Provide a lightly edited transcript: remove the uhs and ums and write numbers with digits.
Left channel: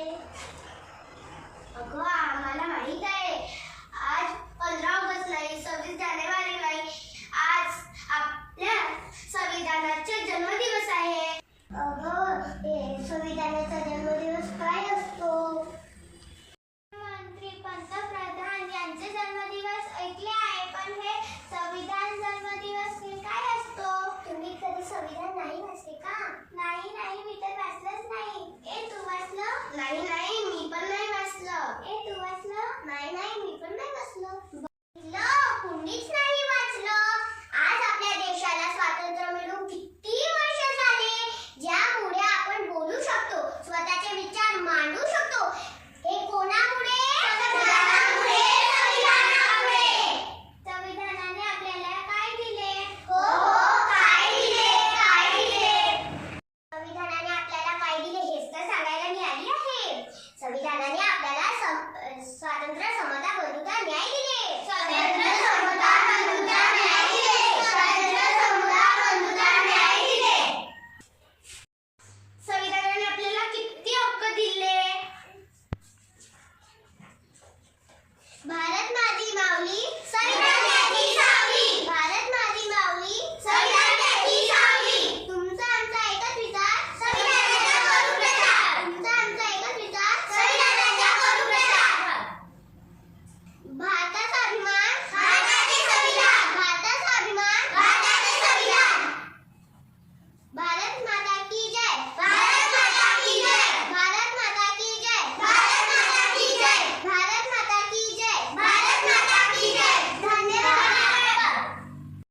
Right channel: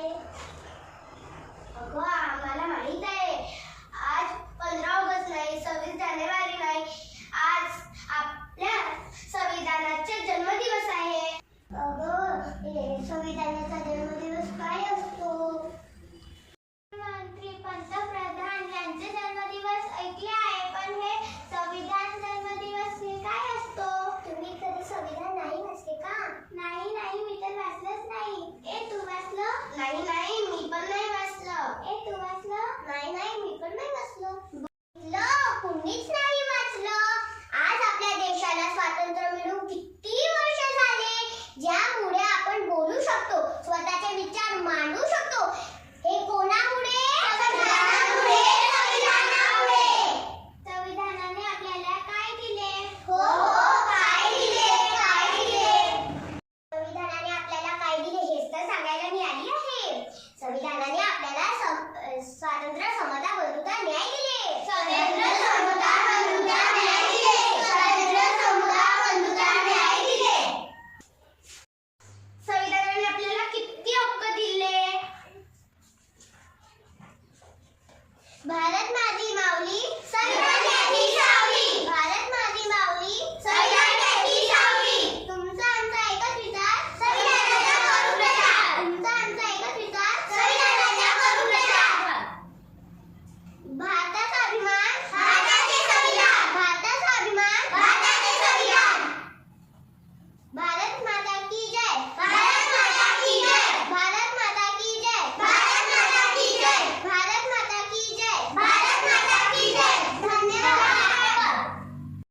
आहे? अगं आम्हाला माहित आहे, आज 15 ऑगस्ट नाही, 26 जानेवारी नाही, आज आपल्या संविधानाचा जन्मदिवस आहे. अगं संविधानाचा जन्मदिवस काय असतो? मंत्री पंतप्रधान यांचे जन्मदिवस ऐकले आहे, पण हे संविधान जन्मदिवस हे काय असतो? तुम्ही कधी संविधान नाही वाचले का? नाही मी तर वाचलंच नाही. तू वाचलं? नाही मी पण नाही वाचलं. तू वाचलं? नाही मी पण नाही वाचलं. कुणीच नाही वाचलं. आज आपल्या देशाला स्वातंत्र्य मिळून किती वर्ष झाले, ज्यामुळे आपण बोलू शकतो, स्वतः